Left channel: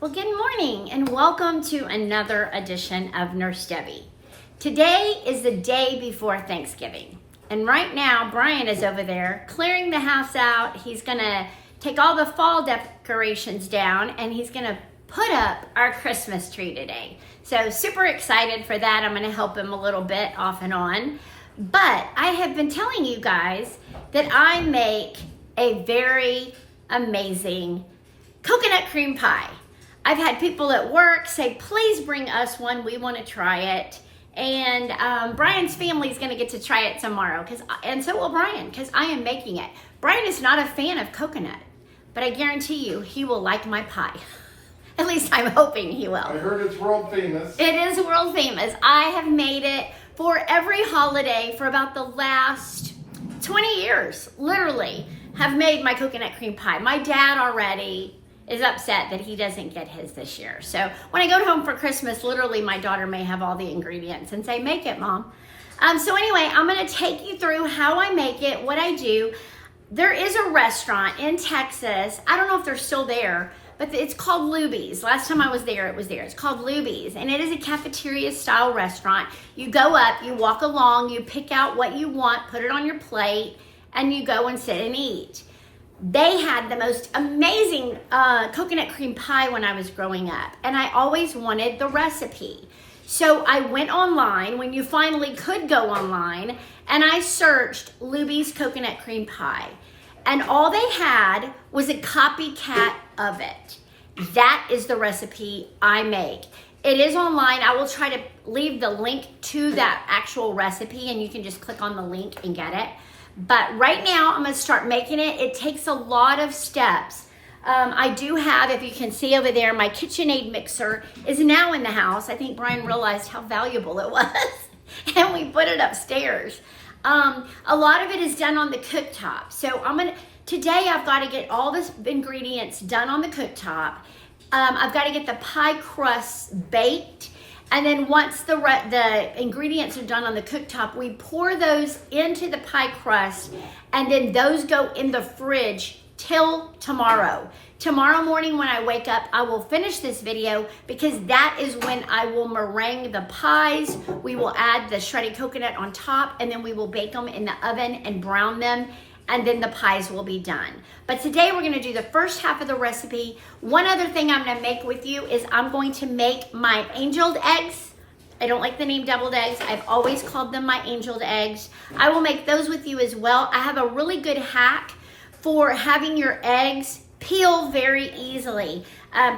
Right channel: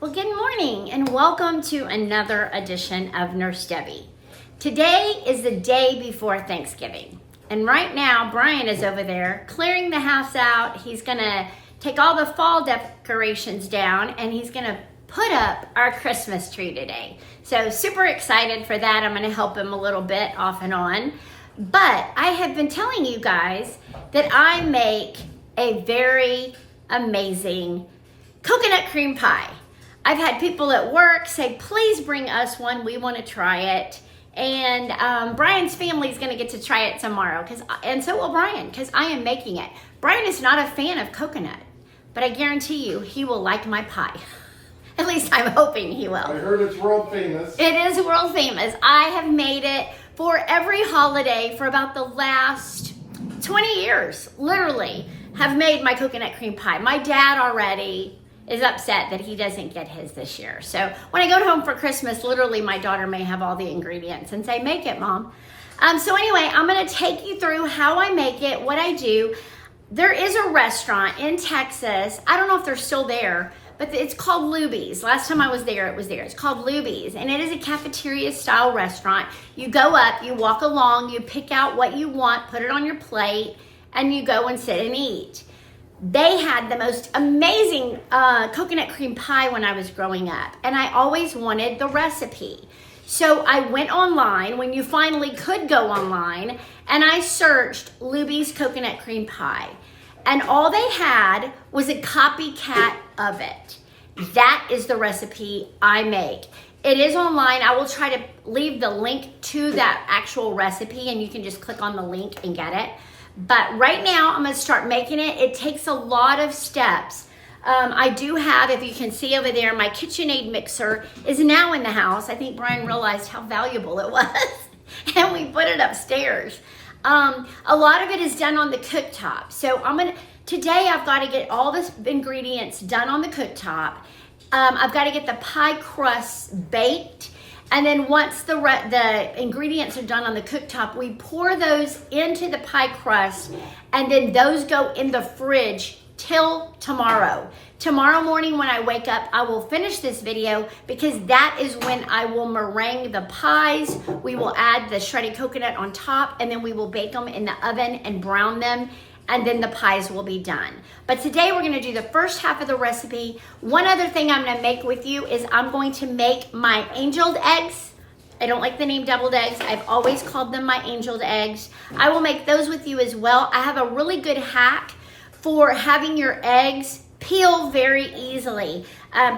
Well, good morning and welcome to another edition of Nurse Debbie. Today is the day before Thanksgiving. And right now, Brian is over there clearing the house out. He's gonna take all the fall decorations down and he's gonna put up our Christmas tree today. So super excited for that. I'm gonna help him a little bit off and on. But I have been telling you guys that I make a very amazing coconut cream pie. I've had people at work say, please bring us one. We want to try it. And Brian's family is going to get to try it tomorrow. And so will Brian, because I am making it. Brian is not a fan of coconut, but I guarantee you he will like my pie. At least I'm hoping he will. I heard it's world famous. It is world famous. I have made it for every holiday for about the last 20 years, literally, have made my coconut cream pie. My dad already is upset that he doesn't get his this year. So when I go home for Christmas, literally my daughter may have all the ingredients and say, make it, Mom. So anyway, I'm gonna take you through how I make it, what I do. There is a restaurant in Texas. I don't know if they're still there, but it's called Luby's. Last time I was there, it was there. It's called Luby's, and it is a cafeteria style restaurant. You go up, you walk along, you pick out what you want, put it on your plate, and you go and sit and eat. They had the most amazing coconut cream pie when I was growing up, and I always wanted the recipe. So I went online when you finally could go online, and I searched Luby's coconut cream pie, and all they had was a copycat of it. That is the recipe I make. It is online. I will try to leave the link to that actual recipe, and you can just click on the link and get it. But right now, I'm gonna start making it. It takes a lot of steps. I do have, if you can see over there, my KitchenAid mixer is now in the house. I think Brian realized how valuable it was, and we put it upstairs. A lot of it is done on the cooktop. So today I've got to get all the ingredients done on the cooktop. I've got to get the pie crust baked. And then once the ingredients are done on the cooktop, we pour those into the pie crust, and then those go in the fridge till tomorrow. Tomorrow morning when I wake up, I will finish this video because that is when I will meringue the pies. We will add the shredded coconut on top, and then we will bake them in the oven and brown them, and then the pies will be done. But today we're gonna do the first half of the recipe. One other thing I'm gonna make with you is I'm going to make my angeled eggs. I don't like the name deviled eggs. I've always called them my angeled eggs. I will make those with you as well. I have a really good hack for having your eggs peel very easily.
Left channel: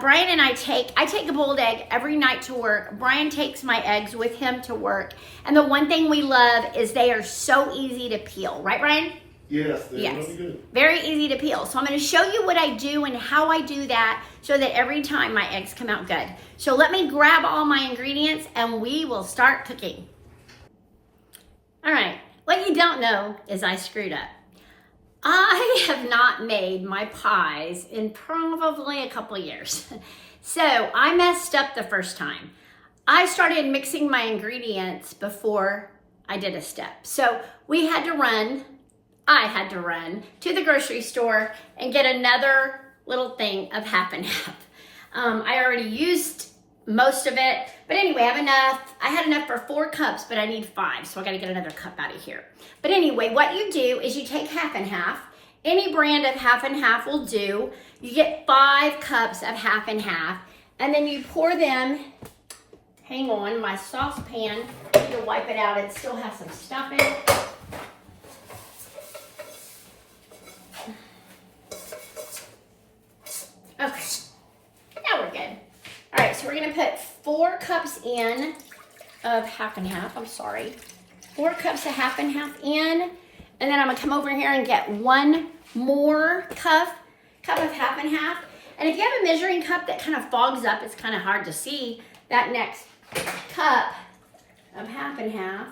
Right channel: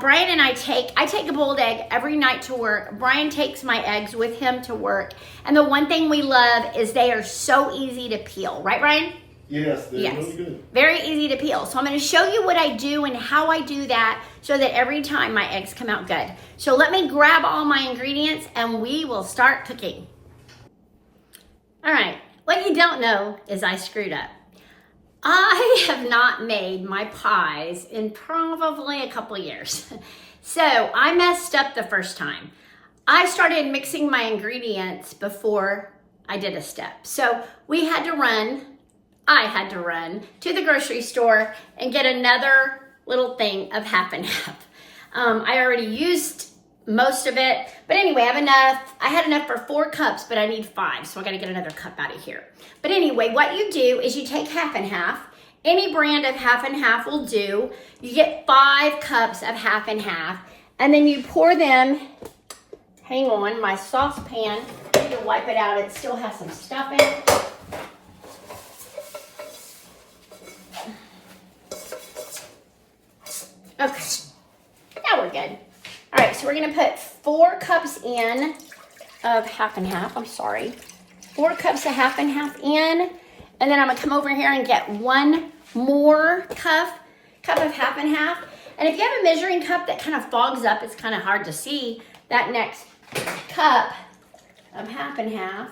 Brian and I take a boiled egg every night to work. Brian takes my eggs with him to work. And the one thing we love is they are so easy to peel. Right, Brian? Yes, they're really good. Very easy to peel. So I'm going to show you what I do and how I do that so that every time my eggs come out good. So let me grab all my ingredients and we will start cooking. All right, what you don't know is I screwed up. I have not made my pies in probably a couple years. So I messed up the first time. I started mixing my ingredients before I did a step. So I had to run to the grocery store and get another little thing of half and half. I already used most of it, but anyway, I have enough. I had enough for 4 cups, but I need 5, so I gotta get another cup out of here. But anyway, what you do is you take half and half. Any brand of half and half will do. You get 5 cups of half and half, and then you pour them, hang on, my saucepan, I'm gonna wipe it out. It still has some stuff in it. Okay, now we're good. All right, so we're gonna put 4 cups in of half and half, 4 cups of half and half in, and then I'm gonna come over here and get 1 more cup of half and half. And if you have a measuring cup that kind of fogs up, it's kind of hard to see that next cup of half and half.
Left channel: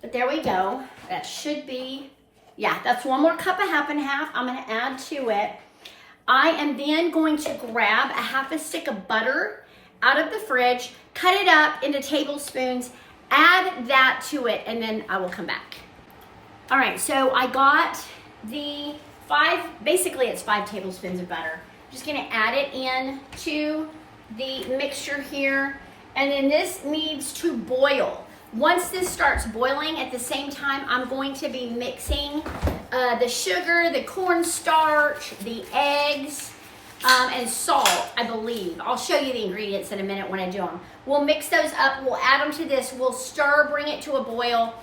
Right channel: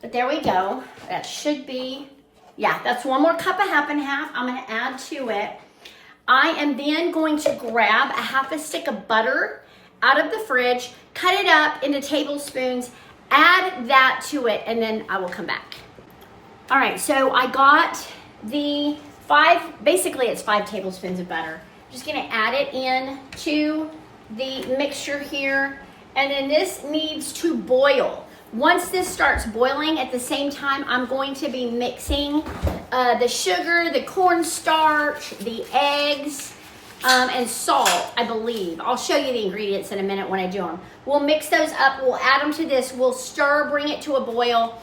But there we go, that should be, yeah, that's 1 more cup of half and half I'm gonna add to it. I am then going to grab a half a stick of butter out of the fridge, cut it up into tablespoons, add that to it, and then I will come back. All right, so I got the basically it's 5 tablespoons of butter. just gonna add it in to the mixture here. And then this needs to boil. Once this starts boiling, at the same time, I'm going to be mixing the sugar, the cornstarch, the eggs, and salt, I believe. I'll show you the ingredients in a minute when I do them. We'll mix those up, we'll add them to this, we'll stir, bring it to a boil,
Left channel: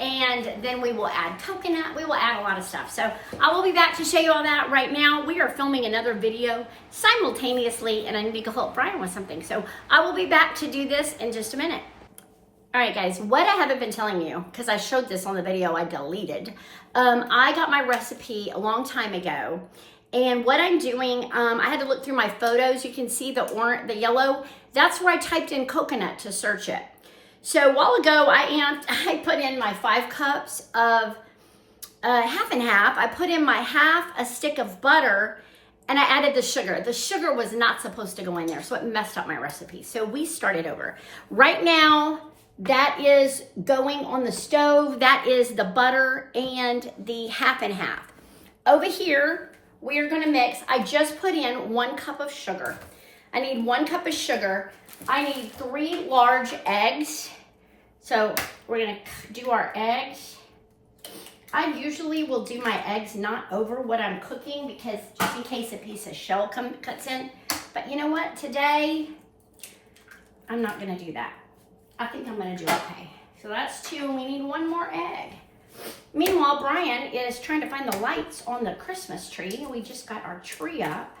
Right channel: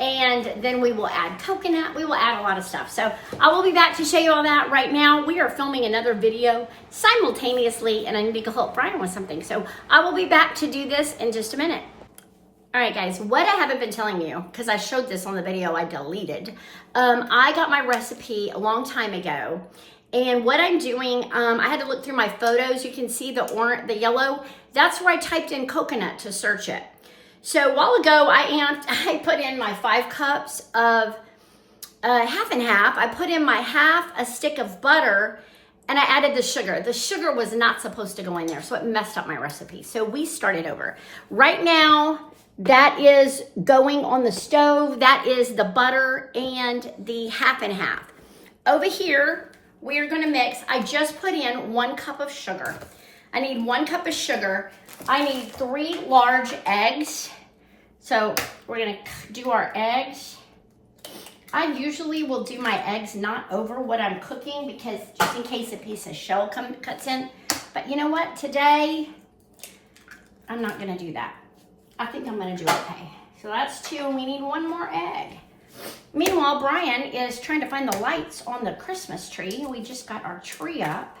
and then we will add coconut, we will add a lot of stuff. So I will be back to show you all that. Right now, we are filming another video simultaneously, and I need to go help Brian with something. So I will be back to do this in just a minute. All right, guys, what I haven't been telling you, because I showed this on the video I deleted, I got my recipe a long time ago, and what I'm doing, I had to look through my photos. You can see the orange, the yellow. That's where I typed in coconut to search it. So a while ago, I put in my 5 cups of half and half. I put in my half a stick of butter, and I added the sugar. The sugar was not supposed to go in there, so it messed up my recipe. So we started over. Right now, that is going on the stove. That is the butter and the half and half. Over here, we are gonna mix. I just put in 1 cup of sugar. I need 1 cup of sugar. I need 3 large eggs. So we're gonna do our eggs. I usually will do my eggs not over what I'm cooking, because just in case a piece of shell cuts in. But you know what, today, I'm not gonna do that. I think I'm gonna do okay. So that's 2, and we need 1 more egg. Meanwhile, Brian is trying to find the lights on the Christmas tree. We just got our tree up.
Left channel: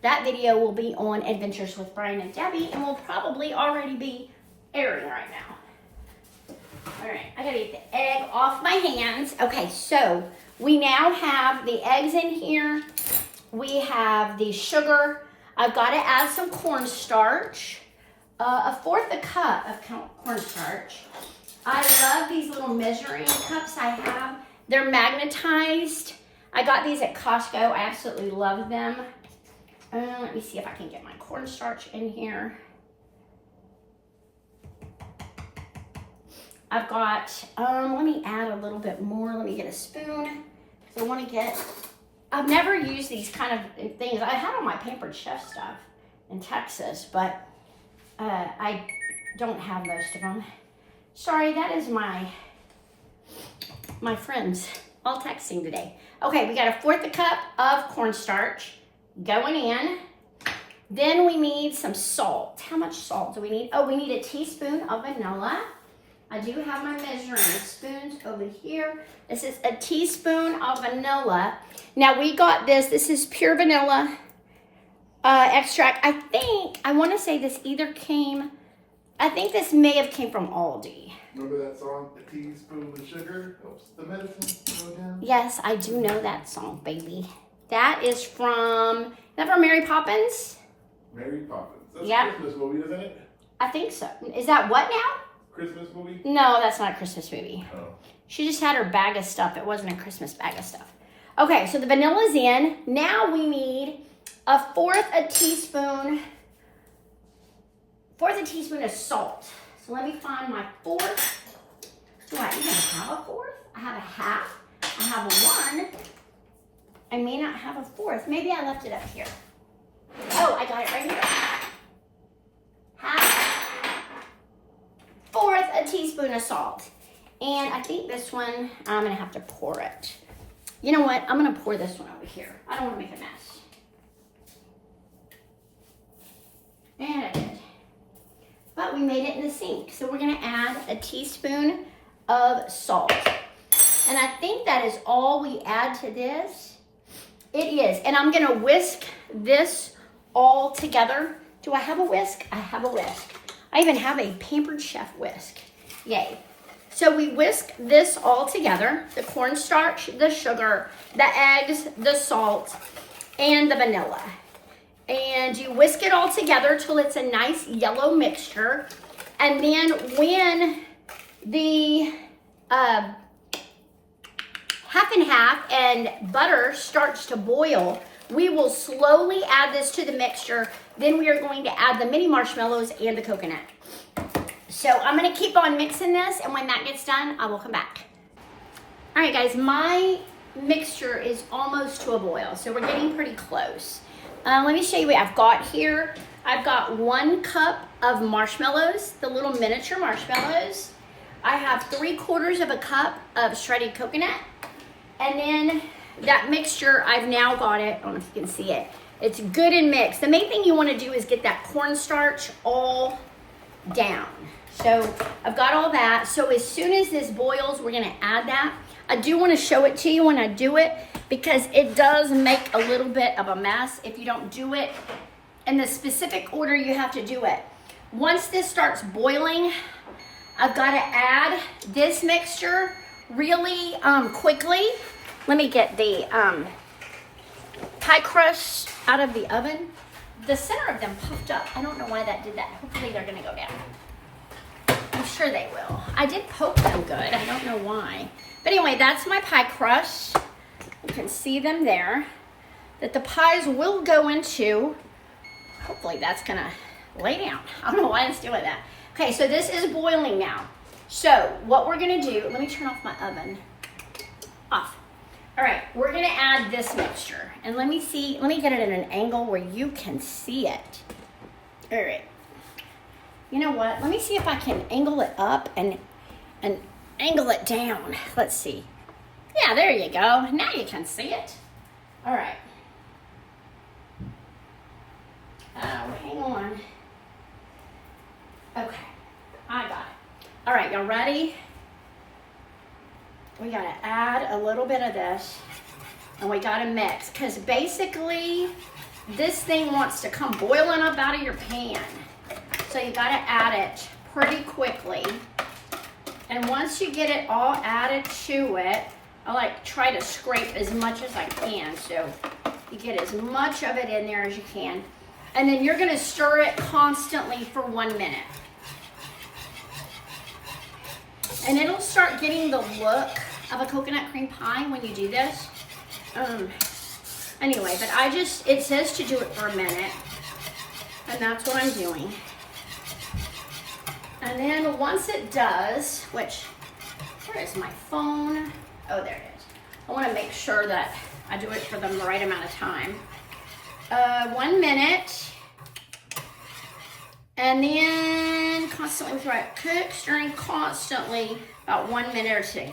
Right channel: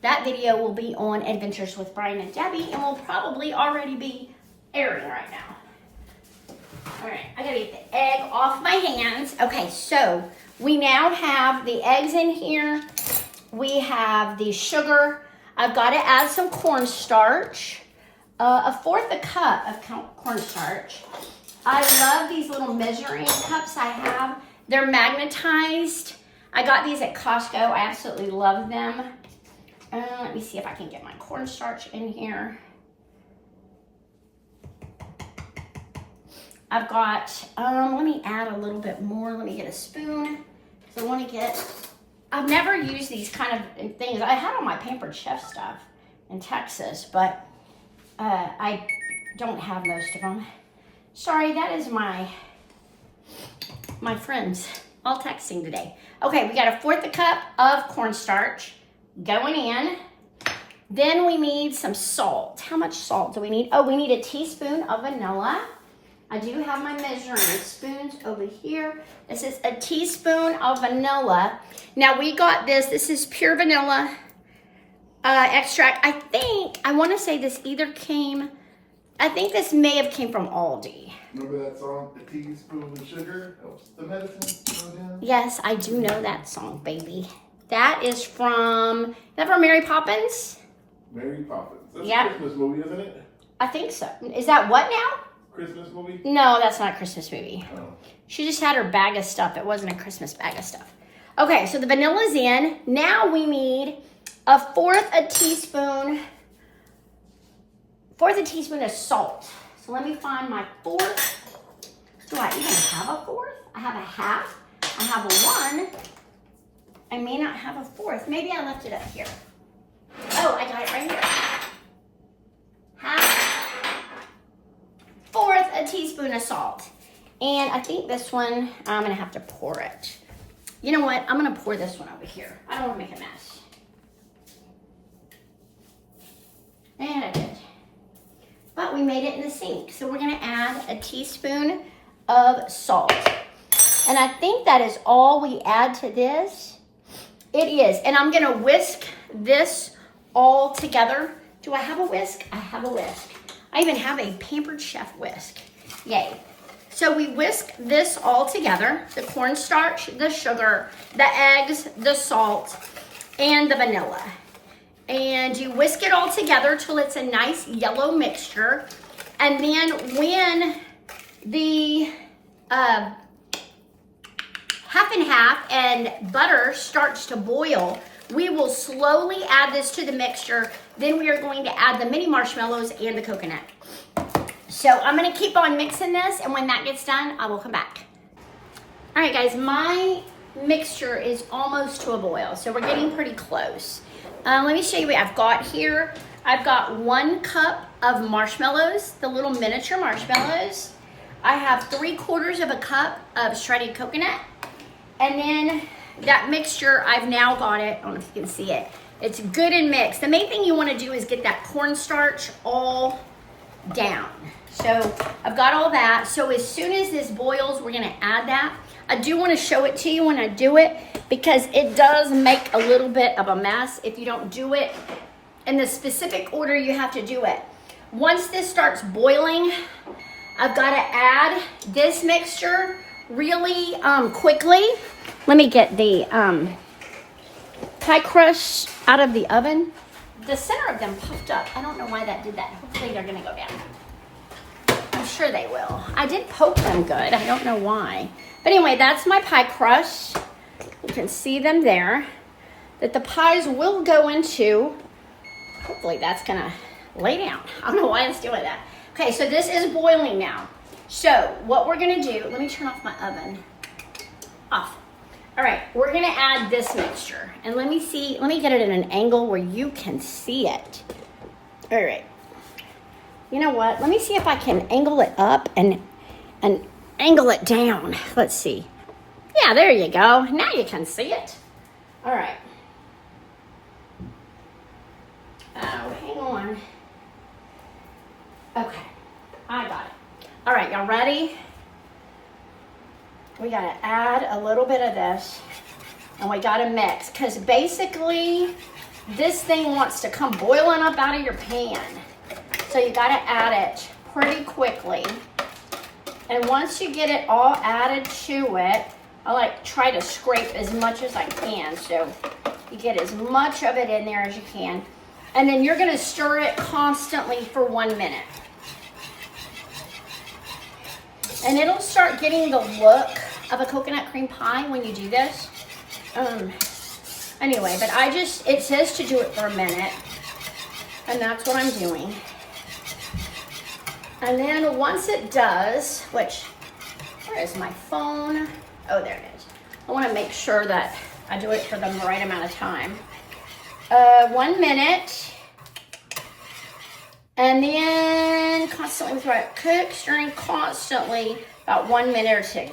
That video will be on Adventures with Brian and Debbie, and will probably already be airing right now. All right, I gotta get the egg off my hands. Okay, so we now have the eggs in here. We have the sugar. I've gotta add some cornstarch. A 1/4 cup of cornstarch. I love these little measuring cups I have. They're magnetized. I got these at Costco. I absolutely love them. Let me see if I can get my cornstarch in here. I've got, let me add a little bit more. Let me get a spoon. So I want to get, I've never used these kind of things. I had all my Pampered Chef stuff in Texas, but I don't have most of them. Sorry, that is my friends all texting today. Okay, we got a 1/4 cup of cornstarch going in. Then we need some salt. How much salt do we need? Oh, we need a teaspoon of vanilla. I do have my measuring spoons over here. This is a teaspoon of vanilla. Now we got this. This is pure vanilla extract. I want to say this either came, I think this may have came from Aldi. Remember that song, A Teaspoon of Sugar Helps the Medicine? Yes, I do know that song, baby. That is from Mary Poppins? Mary Poppins. That's Yep. a Christmas movie, isn't it? I think so. Is that what now? Christmas movie? No, that's not a Christmas movie. Oh. She just had her bag of stuff. It wasn't a Christmas bag of stuff. Okay, so the vanilla's in. Now we need a 1/4 teaspoon of salt. So let me find my 1/4. Do I even have a 1/4? I have a half. I have a 1. I may not have a 1/4. Maybe I left it up here. Oh, I got it right here. Half, 1/4 teaspoon of salt. And I think this one, I'm gonna have to pour it. You know what? I'm gonna pour this one over here. I don't wanna make a mess. And I did. But we made it in the sink. So we're gonna add a teaspoon of salt. And I think that is all we add to this. It is. And I'm gonna whisk this all together. Do I have a whisk? I have a whisk. I even have a Pampered Chef whisk. Yay. So we whisk this all together. The cornstarch, the sugar, the eggs, the salt, and the vanilla. And you whisk it all together till it's a nice yellow mixture. And then when the half and half and butter starts to boil, we will slowly add this to the mixture. Then we are going to add the mini marshmallows and the coconut. So I'm gonna keep on mixing this, and when that gets done, I will come back. All right, guys, my mixture is almost to a boil, so we're getting pretty close. Let me show you what I've got here. I've got 1 cup of marshmallows, the little miniature marshmallows. I have 3/4 of a cup of shredded coconut. And then that mixture, I've now got it, I don't know if you can see it. It's good and mixed. The main thing you want to do is get that cornstarch all down. So I've got all that. So as soon as this boils, we're going to add that. I do want to show it to you when I do it because it does make a little bit of a mess if you don't do it in the specific order you have to do it. Once this starts boiling, I've got to add this mixture really quickly. Let me get the pie crust out of the oven. The center of them puffed up. I don't know why that did that. Hopefully they're gonna go down. I'm sure they will. I did poke them good. I don't know why. But anyway, that's my pie crust. You can see them there. That the pies will go into. Hopefully that's gonna lay down. I don't know why it's doing that. Okay, so this is boiling now. So what we're gonna do, let me turn off my oven. Off. All right, we're gonna add this mixture. And let me get it at an angle where you can see it. All right. You know what? Let me see if I can angle it up and angle it down. Let's see. Yeah, there you go. Now you can see it. All right. Oh, hang on. Okay, I got it. All right, y'all ready? We gotta add a little bit of this and we gotta mix because basically this thing wants to come boiling up out of your pan. So you gotta add it pretty quickly. And once you get it all added to it, I try to scrape as much as I can so you get as much of it in there as you can. And then you're gonna stir it constantly for 1 minute. And it'll start getting the look of a coconut cream pie when you do this. Anyway, but it says to do it for a minute. And that's what I'm doing. And then once it does, where is my phone? Oh, there it is. I wanna make sure that I do it for the right amount of time. 1 minute. And then constantly cook, stirring constantly about 1 minute or 2.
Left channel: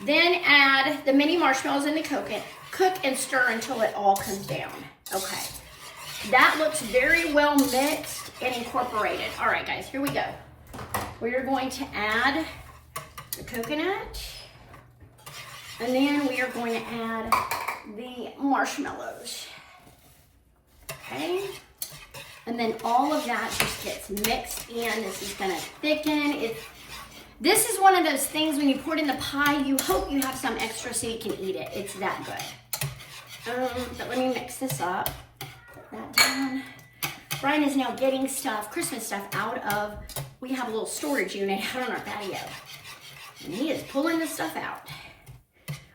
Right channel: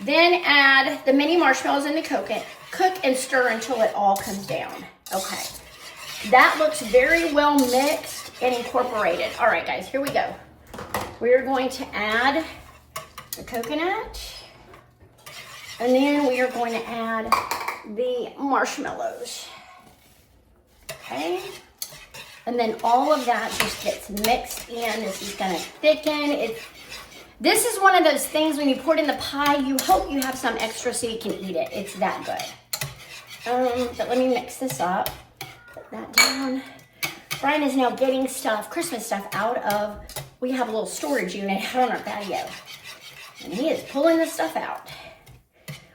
Then add the mini marshmallows in the coconut. Cook and stir until it all comes down. Okay. That looks very well mixed and incorporated. All right, guys, here we go. We're going to add the coconut. And then we are going to add the marshmallows. Okay. And then all of that just gets mixed in. This is gonna thicken. This is one of those things when you pour it in the pie, you hope you have some extra so you can eat it. It's that good. But let me mix this up. Put that down. Brian is now getting Christmas stuff out of, we have a little storage unit out on our patio. And he is pulling this stuff out.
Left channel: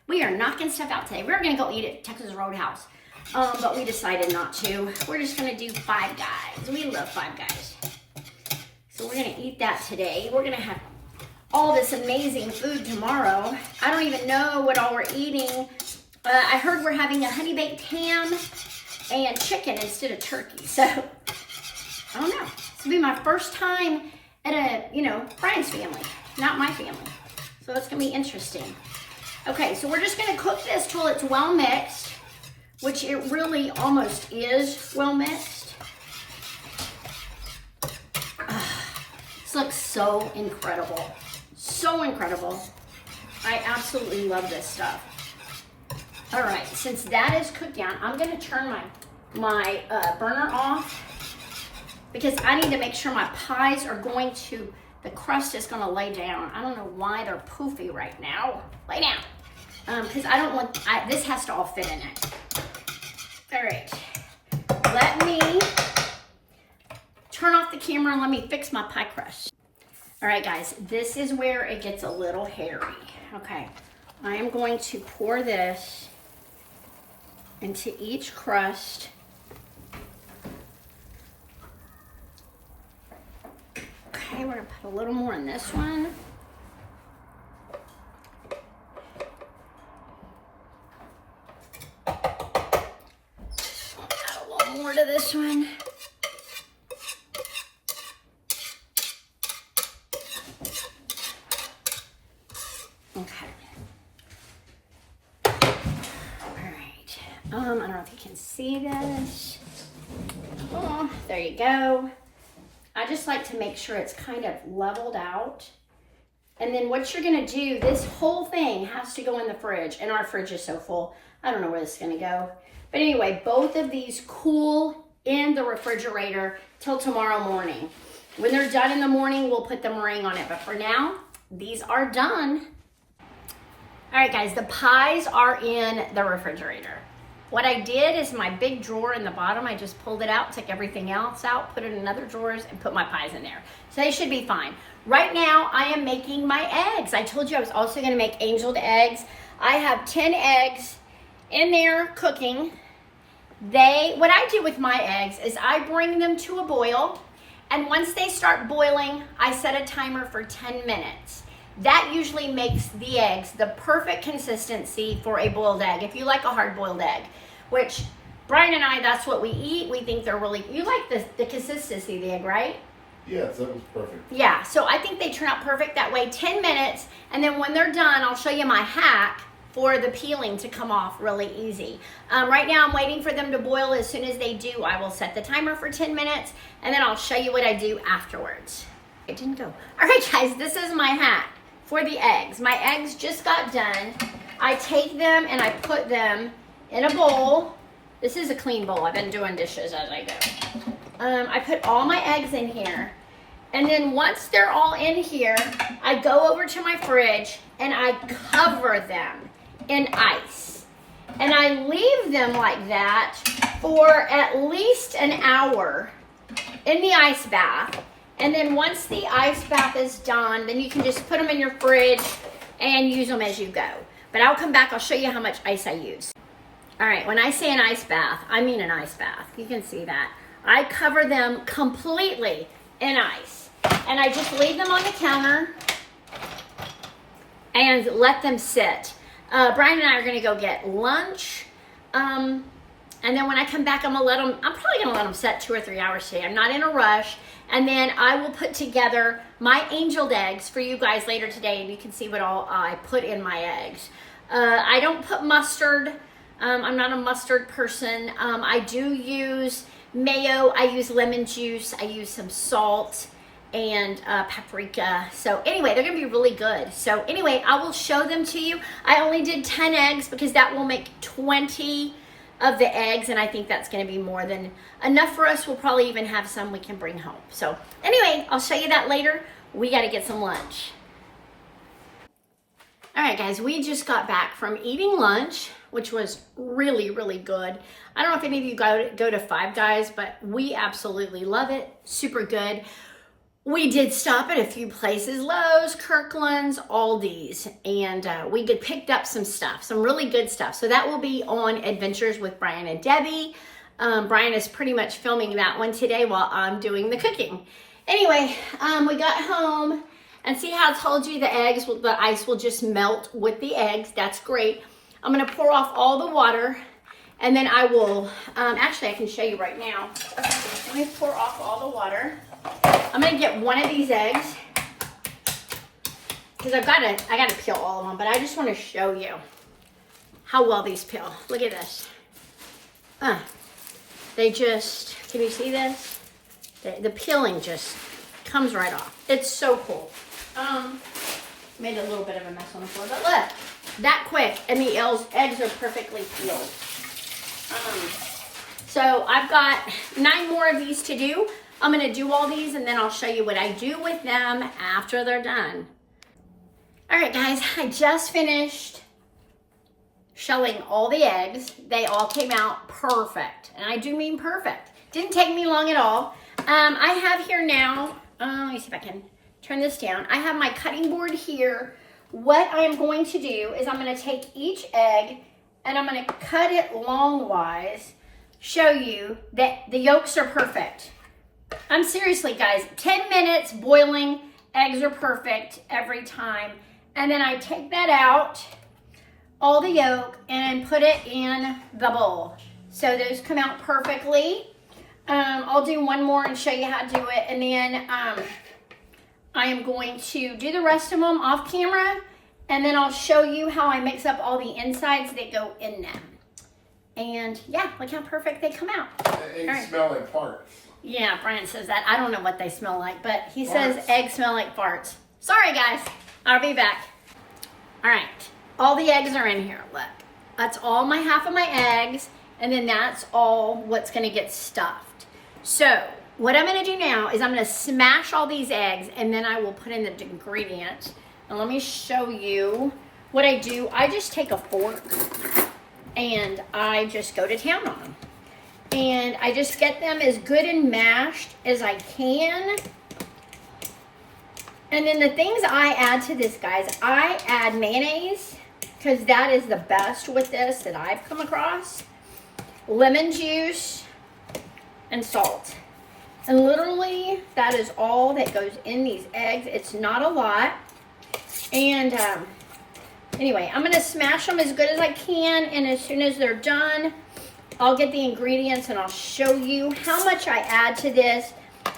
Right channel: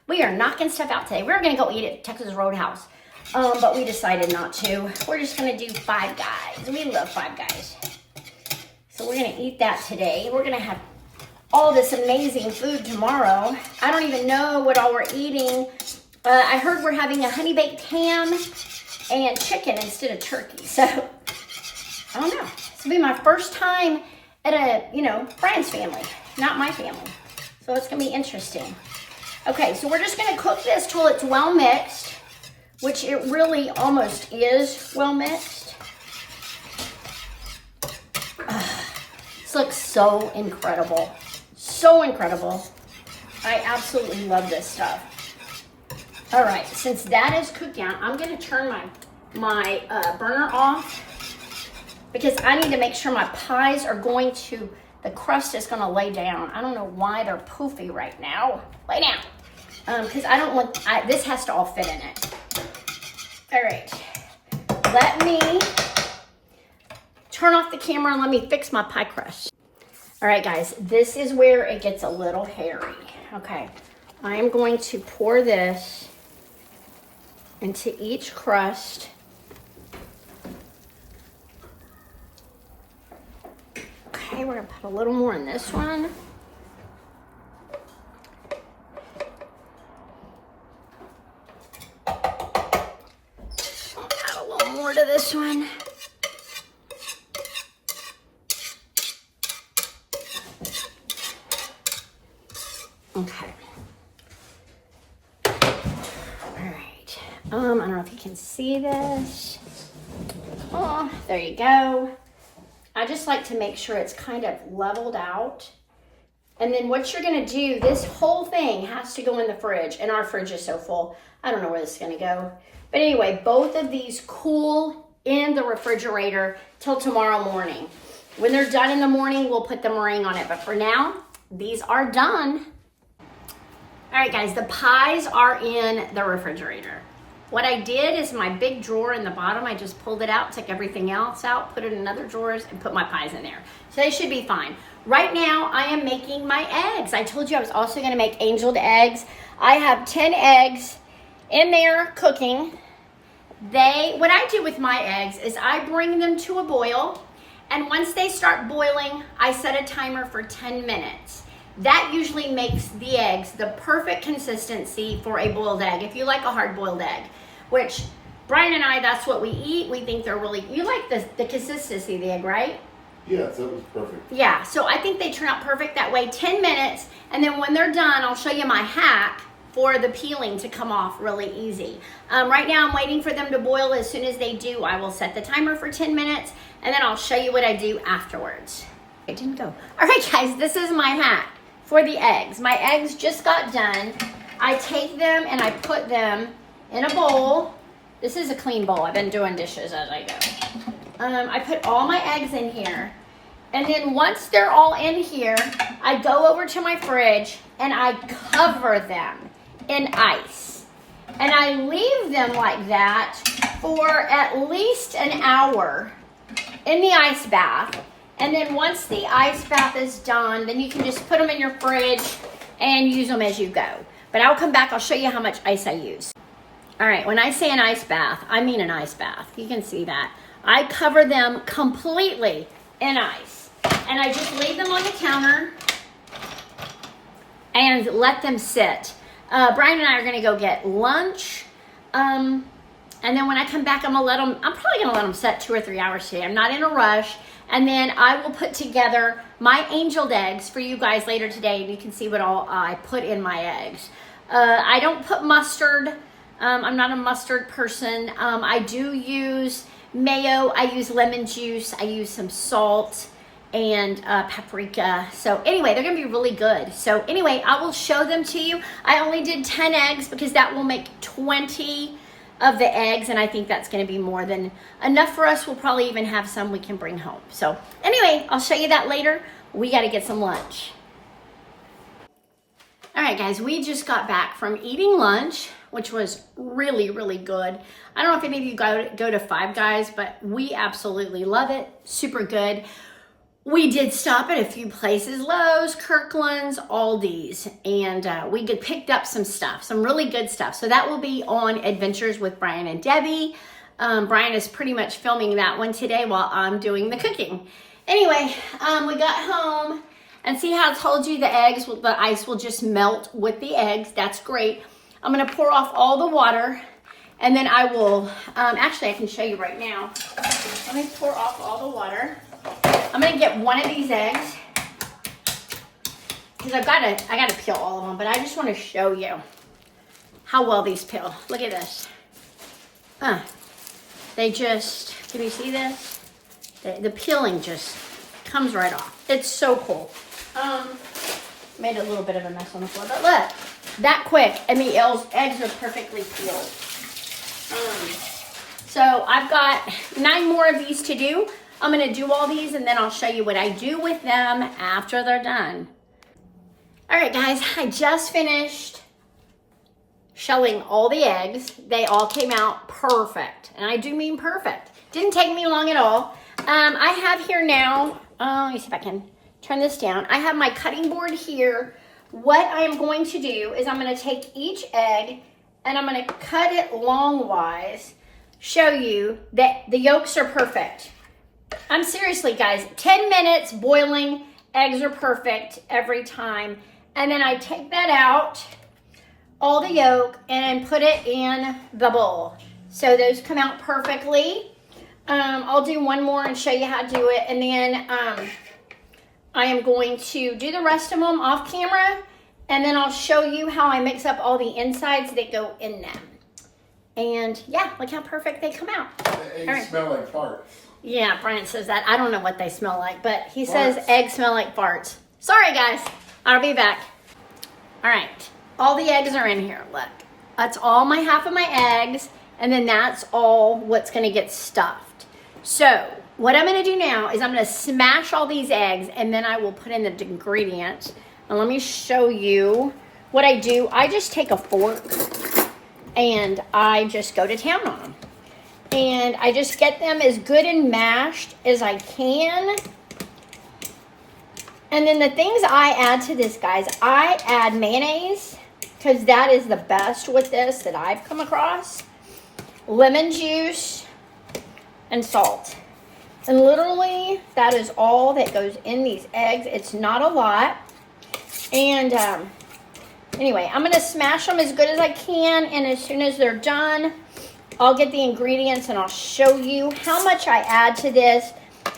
We are knocking stuff out today. We're gonna go eat at Texas Roadhouse. But we decided not to. We're just gonna do Five Guys. We love Five Guys. So we're gonna eat that today. We're gonna have all this amazing food tomorrow. I don't even know what all we're eating. I heard we're having a honey baked ham and chicken instead of turkey. So, I don't know. This will be my first time at Brian's family, not my family. So it's gonna be interesting. Okay, so we're just gonna cook this till it's well mixed, which it really almost is well mixed. This looks so incredible. So incredible. I absolutely love this stuff. All right, since that is cooked down, I'm gonna turn my burner off because I need to make sure my pies are the crust is gonna lay down. I don't know why they're poofy right now. Lay down. Because I don't want, this has to all fit in it. All right, let me turn off the camera and let me fix my pie crust. All right, guys, this is where it gets a little hairy. Okay, I am going to pour this into each crust. Okay, we're gonna put a little more in this one. I don't know if you can see this. Oh, there you go. I just like to make sure it's kind of leveled out. And then what you're gonna do, this whole thing has to go in the fridge, and our fridge is so full. I don't know where this is gonna go. But anyway, both of these cool in the refrigerator till tomorrow morning. When they're done in the morning, we'll put the meringue on it. But for now, these are done. All right, guys, the pies are in the refrigerator. What I did is my big drawer in the bottom, I just pulled it out, took everything else out, put it in other drawers, and put my pies in there. So they should be fine. Right now, I am making my eggs. I told you I was also gonna make angeled eggs. I have 10 eggs in there cooking. What I do with my eggs is I bring them to a boil, and once they start boiling, I set a timer for 10 minutes. That usually makes the eggs the perfect consistency for a boiled egg, if you like a hard-boiled egg, which Brian and I, that's what we eat. We think they're really, you like the consistency of the egg, right? Yes, that was perfect. Yeah, so I think they turn out perfect that way, 10 minutes, and then when they're done, I'll show you my hack for the peeling to come off really easy. Right now, I'm waiting for them to boil. As soon as they do, I will set the timer for 10 minutes, and then I'll show you what I do afterwards. It didn't go. All right, guys, this is my hack for the eggs. My eggs just got done. I take them and I put them in a bowl. This is a clean bowl. I've been doing dishes as I go. I put all my eggs in here. And then once they're all in here, I go over to my fridge and I cover them in ice. And I leave them like that for at least an hour in the ice bath. And then once the ice bath is done, then you can just put them in your fridge and use them as you go. But I'll come back, I'll show you how much ice I use. All right, when I say an ice bath, I mean an ice bath. You can see that. I cover them completely in ice. And I just leave them on the counter and let them sit. Brian and I are gonna go get lunch. And then when I come back, I'm probably gonna let them set 2 or 3 hours today. I'm not in a rush. And then I will put together my angeled eggs for you guys later today, and you can see what all I put in my eggs. I don't put mustard. I'm not a mustard person. I do use mayo. I use lemon juice. I use some salt and paprika. So anyway, they're gonna be really good. So anyway, I will show them to you. I only did 10 eggs because that will make 20 of the eggs, and I think that's going to be more than enough for us. We'll probably even have some we can bring home. So anyway, I'll show you that later. We got to get some lunch. All right, guys, we just got back from eating lunch, which was really, really good. I don't know if any of you go to Five Guys, but we absolutely love it. Super good. We did stop at a few places, Lowe's, Kirkland's, Aldi's, and we picked up some stuff, some really good stuff. So that will be on Adventures with Brian and Debbie. Brian is pretty much filming that one today while I'm doing the cooking. Anyway, we got home, and see how I told you the ice will just melt with the eggs. That's great. I'm gonna pour off all the water, and then I will, actually I can show you right now. Let me pour off all the water. I'm gonna get one of these eggs because I gotta peel all of them, but I just want to show you how well these peel. Look at this. They just, can you see this? The peeling just comes right off. It's so cool. Made a little bit of a mess on the floor, but look, that quick, and the eggs are perfectly peeled. So I've got 9 more of these to do. I'm gonna do all these and then I'll show you what I do with them after they're done. All right, guys, I just finished shelling all the eggs. They all came out perfect, and I do mean perfect. Didn't take me long at all. I have here now, let me see if I can turn this down. I have my cutting board here. What I am going to do is I'm gonna take each egg and I'm gonna cut it longwise, show you that the yolks are perfect. I'm seriously, guys, 10 minutes boiling, eggs are perfect every time. And then I take that out, all the yolk, and put it in the bowl. So those come out perfectly. I'll do one more and show you how to do it. And then I am going to do the rest of them off camera. And then I'll show you how I mix up all the insides that go in them. And yeah, look how perfect they come out. The eggs smell like farts. Yeah, Brian says that. I don't know what they smell like, but he says eggs smell like farts. Sorry, guys. I'll be back. All right. All the eggs are in here. Look. That's all my half of my eggs. And then that's all what's going to get stuffed. So what I'm going to do now is I'm going to smash all these eggs, and then I will put in the ingredients. And let me show you what I do. I just take a fork and I just go to town on them. And I just get them as good and mashed as I can. And then the things I add to this, guys, I add mayonnaise, because that is the best with this that I've come across. Lemon juice and salt. And literally, that is all that goes in these eggs. It's not a lot. And anyway, I'm going to smash them as good as I can. And as soon as they're done, I'll get the ingredients and I'll show you how much I add to this.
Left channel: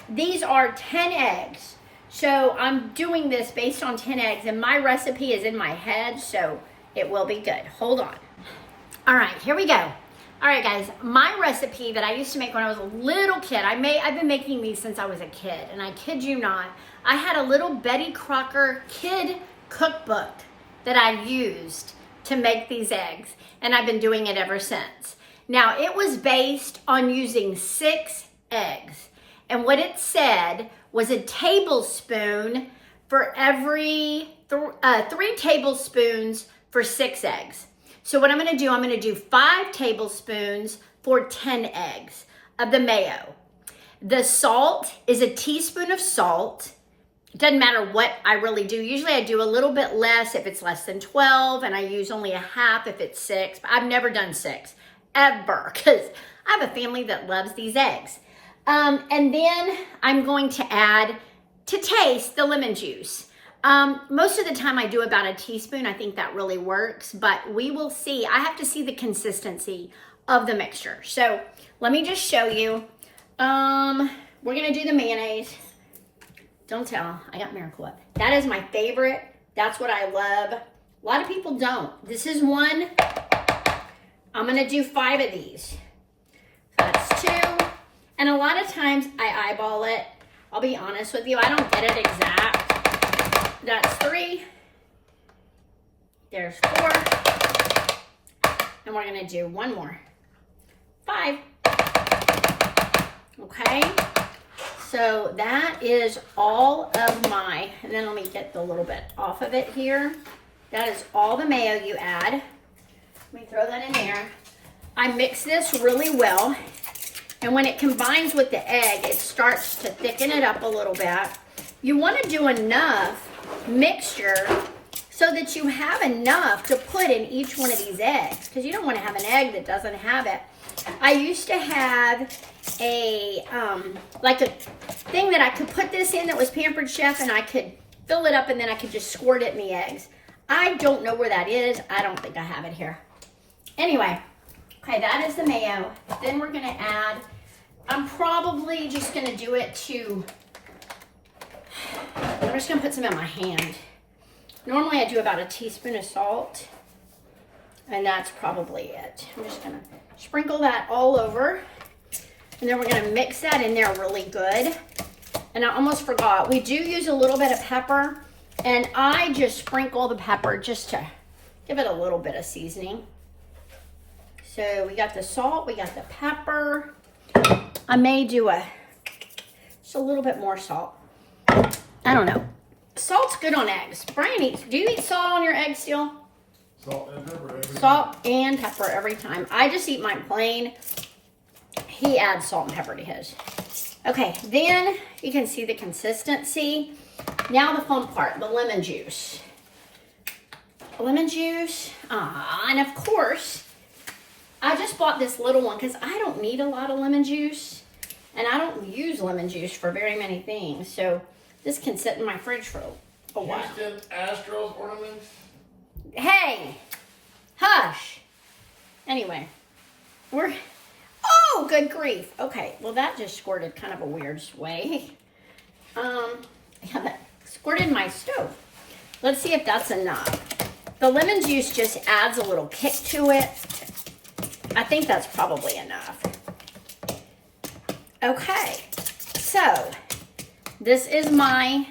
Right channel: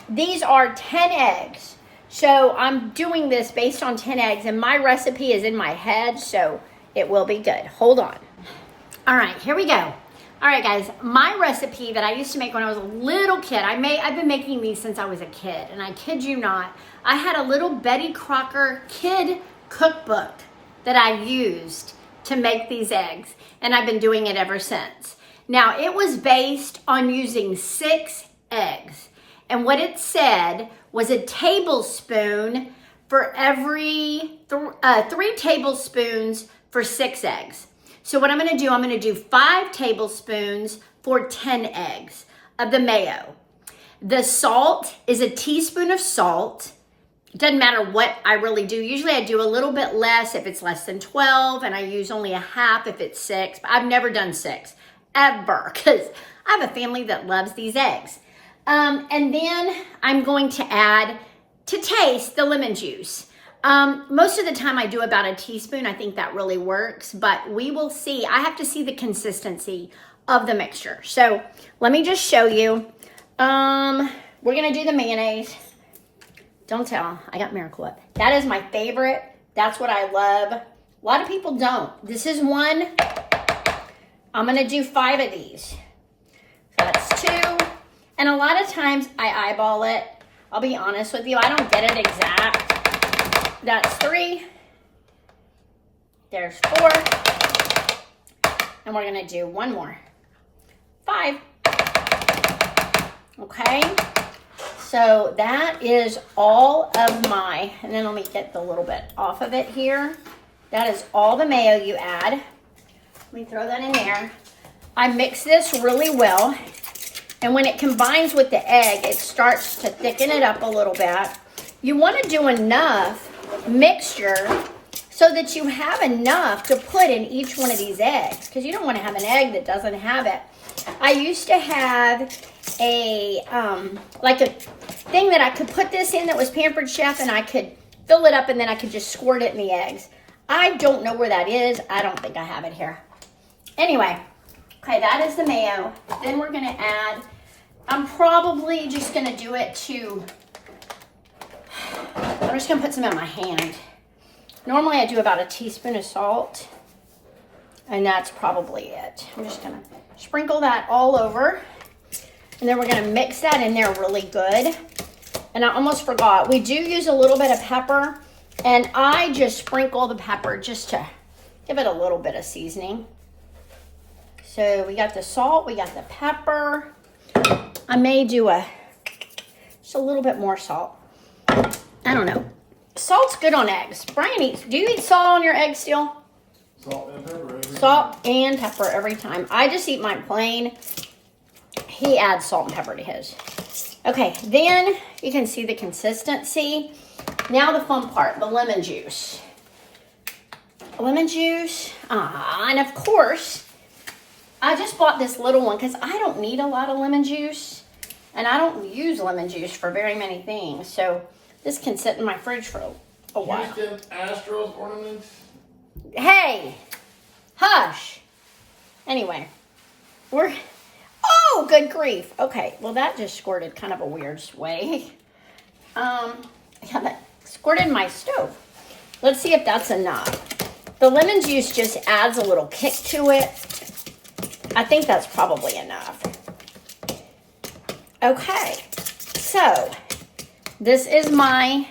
These are 10 eggs. So I'm doing this based on 10 eggs, and my recipe is in my head, so it will be good. Hold on. All right, here we go. All right, guys, my recipe that I used to make when I was a little kid, I've been making these since I was a kid, and I kid you not, I had a little Betty Crocker kid cookbook that I used to make these eggs, and I've been doing it ever since. Now, it was based on using 6 eggs, and what it said was a tablespoon for every 3 tablespoons for 6 eggs. So what I'm going to do, I'm going to do 5 tablespoons for 10 eggs of the mayo. The salt is a teaspoon of salt. It doesn't matter what I really do. Usually I do a little bit less if it's less than 12, and I use only a half if it's 6. But I've never done 6, ever, because I have a family that loves these eggs. And then I'm going to add, to taste, the lemon juice. Most of the time I do about a teaspoon. I think that really works, but we will see. I have to see the consistency of the mixture. So let me just show you. We're going to do the mayonnaise. Don't tell, I got Miracle Whip. That is my favorite. That's what I love. A lot of people don't. This is one. I'm going to do 5 of these. So that's 2. And a lot of times I eyeball it. I'll be honest with you, I don't get it exact. That's 3. There's 4. And we're gonna do 1 more. 5. Okay. So that is all of my, and then let me get the little bit off of it here. That is all the mayo you add. Let me throw that in there. I mix this really well. And when it combines with the egg, it starts to thicken it up a little bit. You want to do enough mixture so that you have enough to put in each one of these eggs, because you don't want to have an egg that doesn't have it. I used to have a like a thing that I could put this in that was Pampered Chef, and I could fill it up and then I could just squirt it in the eggs. I don't know where that is. I don't think I have it here. Anyway. Okay, that is the mayo. Then we're gonna add, I'm probably just gonna do it to, I'm just gonna put some in my hand. Normally I do about a teaspoon of salt, and that's probably it. I'm just gonna sprinkle that all over, and then we're gonna mix that in there really good. And I almost forgot, we do use a little bit of pepper, and I just sprinkle the pepper just to give it a little bit of seasoning. So we got the salt, we got the pepper. I may do just a little bit more salt. I don't know. Salt's good on eggs. Brian eats, do you eat salt on your eggs still? Salt and pepper. Salt and pepper every time. I just eat mine plain. He adds salt and pepper to his. Okay, then you can see the consistency. Now the fun part, the lemon juice. Lemon juice, and of course, I just bought this little one because I don't need a lot of lemon juice, and I don't use lemon juice for very many things. So this can sit in my fridge for a while. Houston Astros ornaments. Hey, hush. Anyway, oh, good grief. Okay, well that just squirted kind of a weird way. Yeah, that squirted my stove. Let's see if that's enough. The lemon juice just adds a little kick to it. I think that's probably enough. Okay, so this is my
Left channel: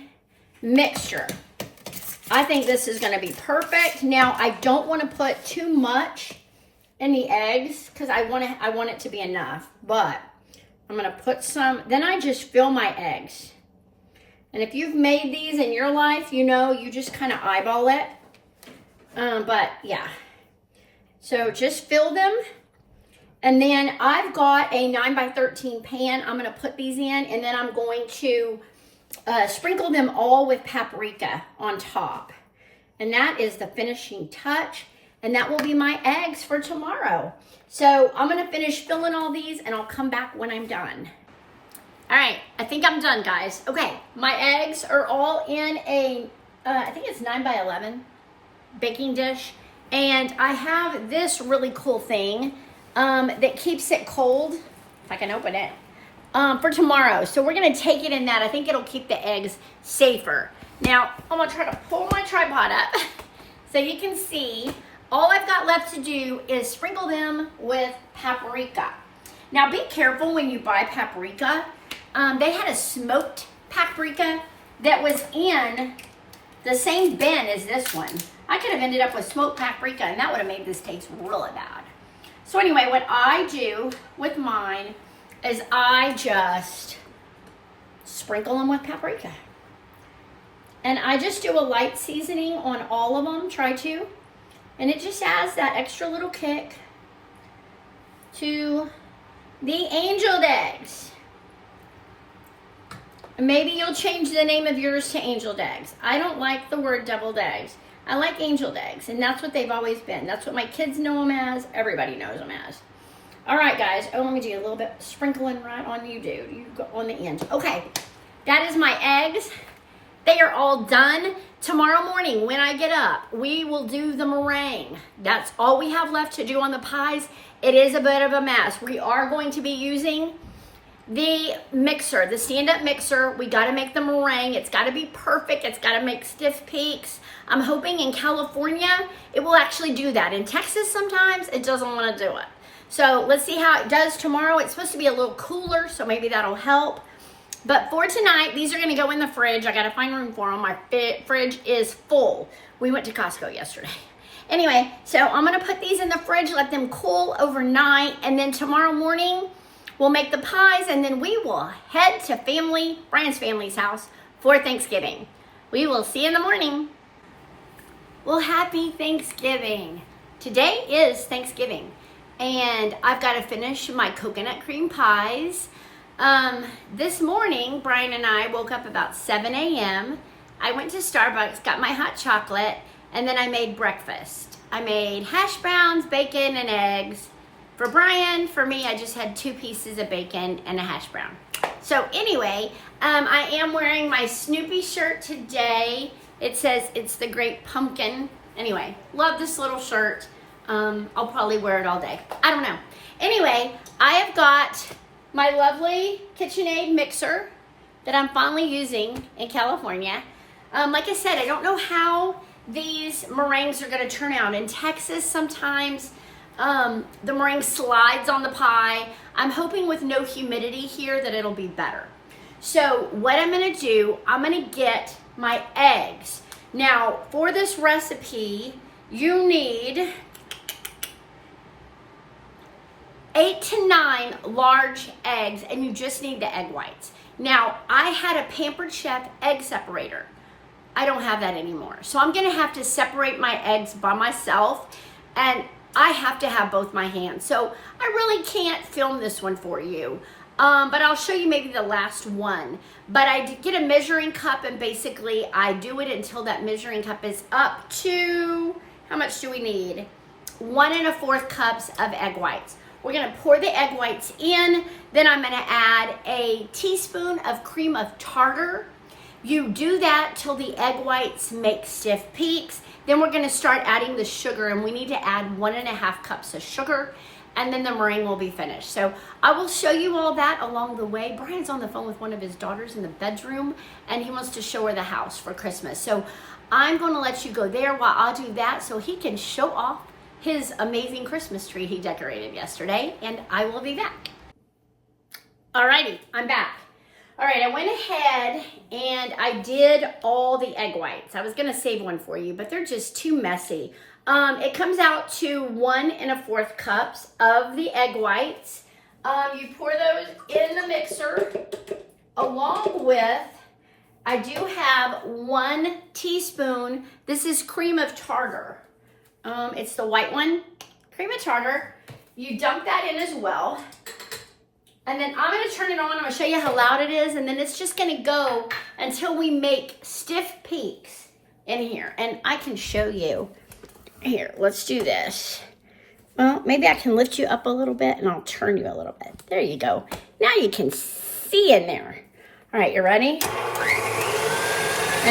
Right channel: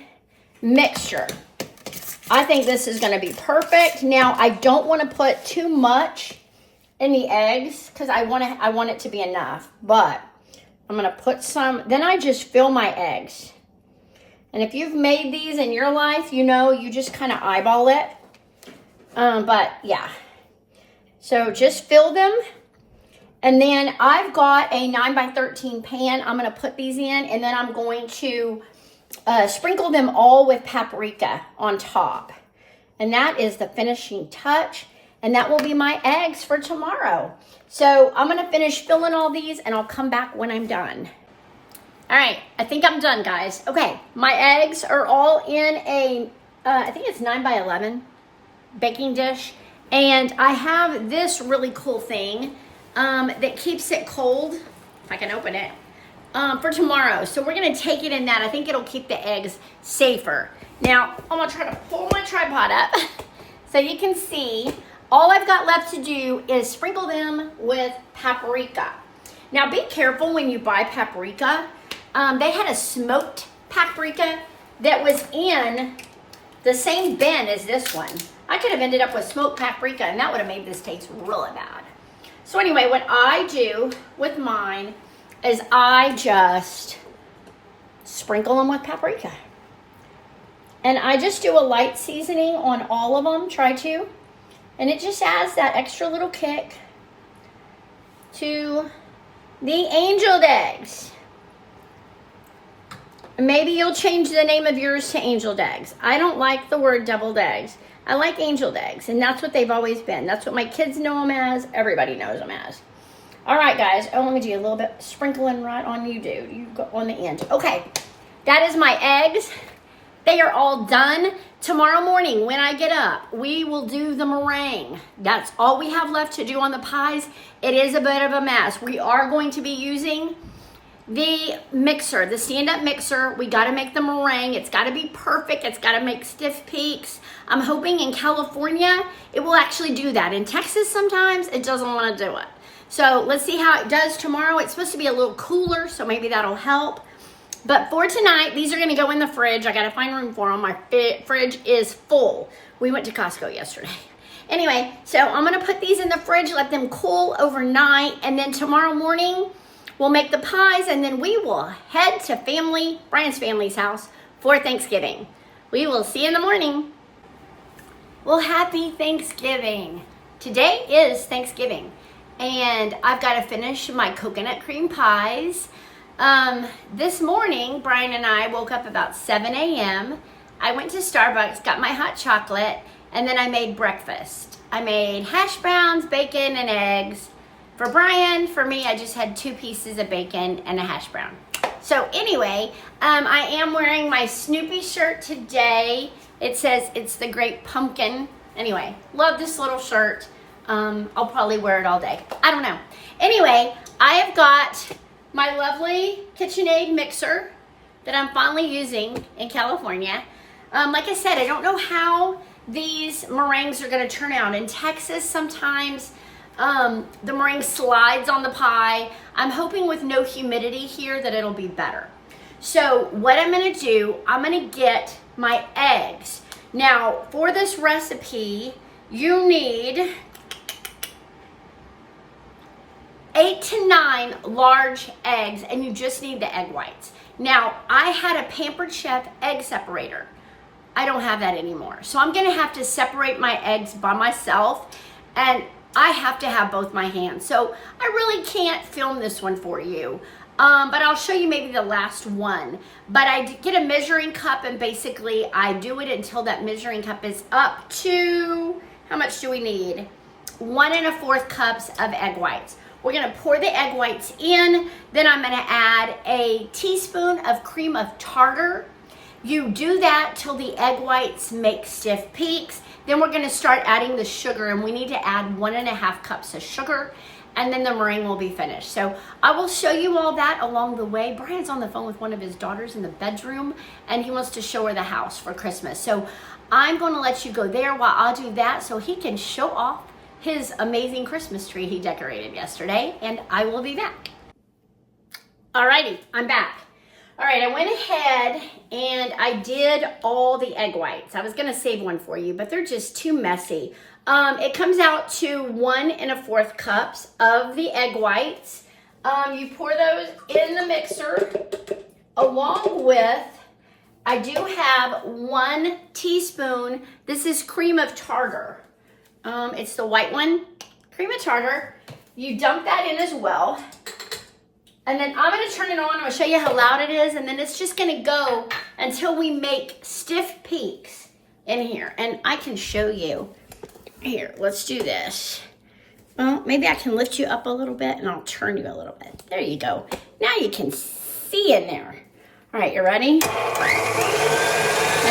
mixture. I think this is going to be perfect. Now, I don't want to put too much in the eggs because I want it to be enough, but I'm going to put some. Then I just fill my eggs. And if you've made these in your life, you know, you just kind of eyeball it. But yeah, so just fill them. And then I've got a 9x13 pan. I'm going to put these in, and then I'm going to sprinkle them all with paprika on top. And that is the finishing touch. And that will be my eggs for tomorrow. So I'm going to finish filling all these, and I'll come back when I'm done. All right, I think I'm done, guys. Okay, my eggs are all in a, I think it's 9x11 baking dish. And I have this really cool thing that keeps it cold, if I can open it, for tomorrow. So we're gonna take it in that. I think it'll keep the eggs safer. Now, I'm gonna try to pull my tripod up so you can see. All I've got left to do is sprinkle them with paprika. Now be careful when you buy paprika. They had a smoked paprika that was in the same bin as this one. I could have ended up with smoked paprika, and that would have made this taste really bad. So anyway, what I do with mine is I just sprinkle them with paprika. And I just do a light seasoning on all of them, try to. And it just adds that extra little kick to the angeled eggs. Maybe you'll change the name of yours to angeled eggs. I don't like the word deviled eggs. I like angeled eggs, and that's what they've always been. That's what my kids know them as. Everybody knows them as. All right, guys. Oh, let me do a little bit sprinkling right on you, dude. You go on the end. Okay, that is my eggs. They are all done. Tomorrow morning when I get up, we will do the meringue. That's all we have left to do on the pies. It is a bit of a mess. We are going to be using the mixer, the stand-up mixer. We got to make the meringue. It's got to be perfect. It's got to make stiff peaks. I'm hoping in California it will actually do that. In Texas sometimes it doesn't want to do it. So let's see how it does tomorrow. It's supposed to be a little cooler, so maybe that'll help. But for tonight, these are going to go in the fridge. I got to find room for them. My fridge is full. We went to Costco yesterday. Anyway, so I'm going to put these in the fridge, let them cool overnight, and then tomorrow morning we'll make the pies, and then we will head to Brian's family's house for Thanksgiving. We will see you in the morning. Well, happy Thanksgiving. Today is Thanksgiving, and I've got to finish my coconut cream pies. This morning, Brian and I woke up about 7 a.m. I went to Starbucks, got my hot chocolate, and then I made breakfast. I made hash browns, bacon, and eggs. For Brian, for me, I just had 2 pieces of bacon and a hash brown. So anyway, I am wearing my Snoopy shirt today. It says it's the Great Pumpkin. Anyway, love this little shirt. I'll probably wear it all day. I don't know. Anyway, I have got my lovely KitchenAid mixer that I'm finally using in California. Like I said, I don't know how these meringues are going to turn out. In Texas, sometimes the meringue slides on the pie. I'm hoping with no humidity here that it'll be better. So what I'm going to do, I'm going to get my eggs. Now, for this recipe, you need 8 to 9 large eggs, and you just need the egg whites. Now, I had a Pampered Chef egg separator. I don't have that anymore. So I'm gonna have to separate my eggs by myself, and I have to have both my hands. So I really can't film this one for you, but I'll show you maybe the last one. But I get a measuring cup, and basically I do it until that measuring cup is up to, how much do we need? 1 1/4 cups of egg whites. We're gonna pour the egg whites in, then I'm gonna add a teaspoon of cream of tartar. You do that till the egg whites make stiff peaks. Then we're gonna start adding the sugar, and we need to add 1 1/2 cups of sugar, and then the meringue will be finished. So I will show you all that along the way. Brian's on the phone with one of his daughters in the bedroom, and he wants to show her the house for Christmas. So I'm gonna let you go there while I'll do that so he can show off his amazing Christmas tree he decorated yesterday, and I will be back. Alrighty, I'm back. All right, I went ahead and I did all the egg whites. I was gonna save one for you, but they're just too messy. It comes out to 1 1/4 cups of the egg whites. You pour those in the mixer along with, I do have 1 teaspoon. This is cream of tartar. It's the white one, cream of tartar. You dump that in as well. And then I'm gonna turn it on. I'm gonna show you how loud it is. And then it's just gonna go until we make stiff peaks in here. And I can show you. Here, let's do this. Well, maybe I can lift you up a little bit and I'll turn you a little bit. There you go. Now you can see in there. All right, you ready? And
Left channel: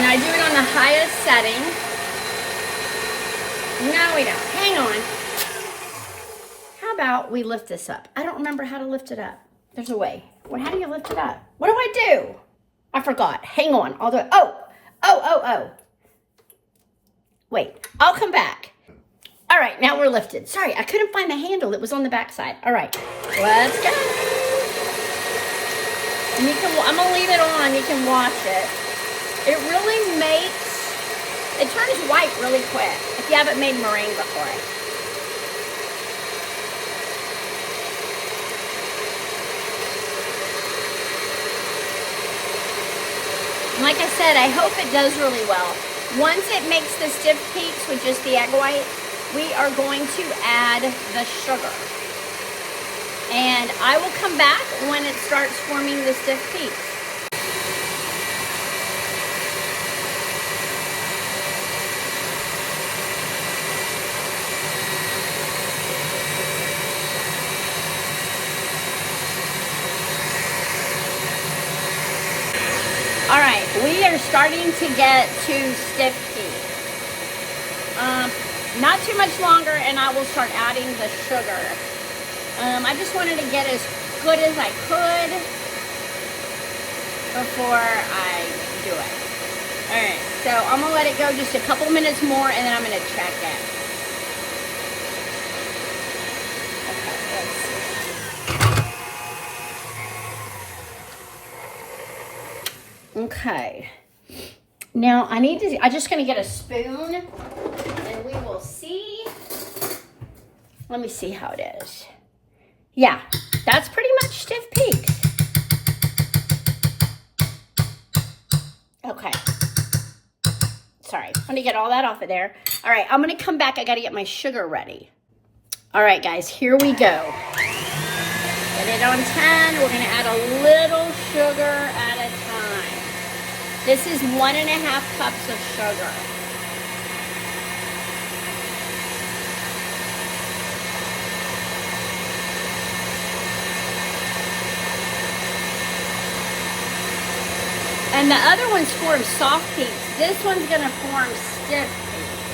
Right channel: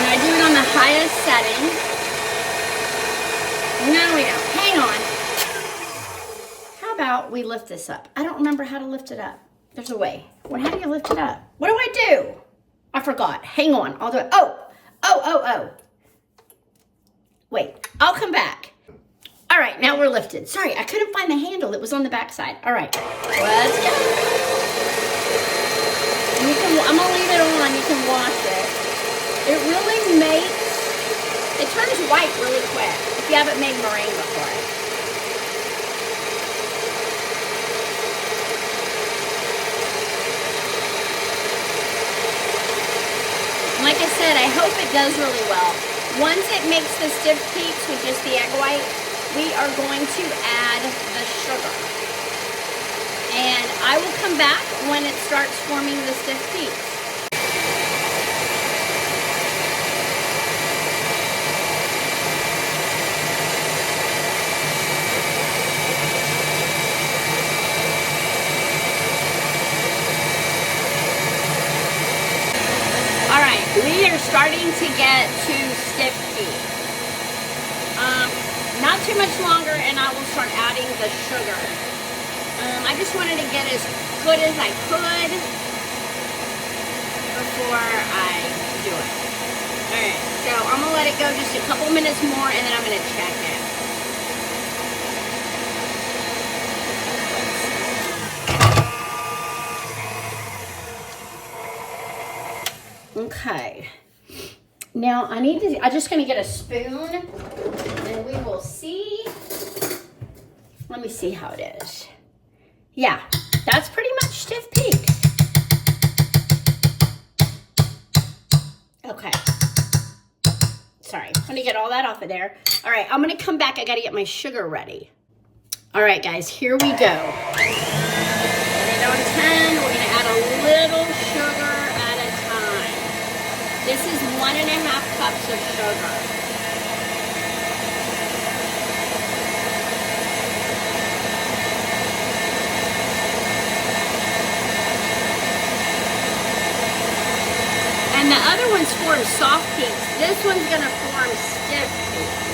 I do it on the highest setting. Now we don't. Hang on. How about we lift this up? I don't remember how to lift it up. There's a way. How do you lift it up? What do I do? I forgot. Hang on. I'll do it. Oh. Wait, I'll come back. All right, now we're lifted. Sorry, I couldn't find the handle. It was on the back side. All right, let's go. I'm gonna leave it on. You can watch it. It really it turns white really quick if you haven't made meringue before. Like I said, I hope it does really well. Once it makes the stiff peaks with just the egg white, we are going to add the sugar. And I will come back when it starts forming the stiff peaks. We are starting to get to stiff peaks. Not too much longer and I will start adding the sugar. I just wanted to get as good as I could before I do it. Alright, so I'm going to let it go just a couple minutes more and then I'm going to check it. Okay. Now I'm just gonna get a spoon and we will see. Let me see how it is. Yeah, that's pretty much stiff peak. Okay. Sorry, I'm gonna get all that off of there. All right, I'm gonna come back. I gotta get my sugar ready. All right, guys, here we go. On 10, we're gonna add a little sugar at a time. This is 1 1/2 cups of sugar. And the other one's form soft peaks. This one's gonna form stiff peaks.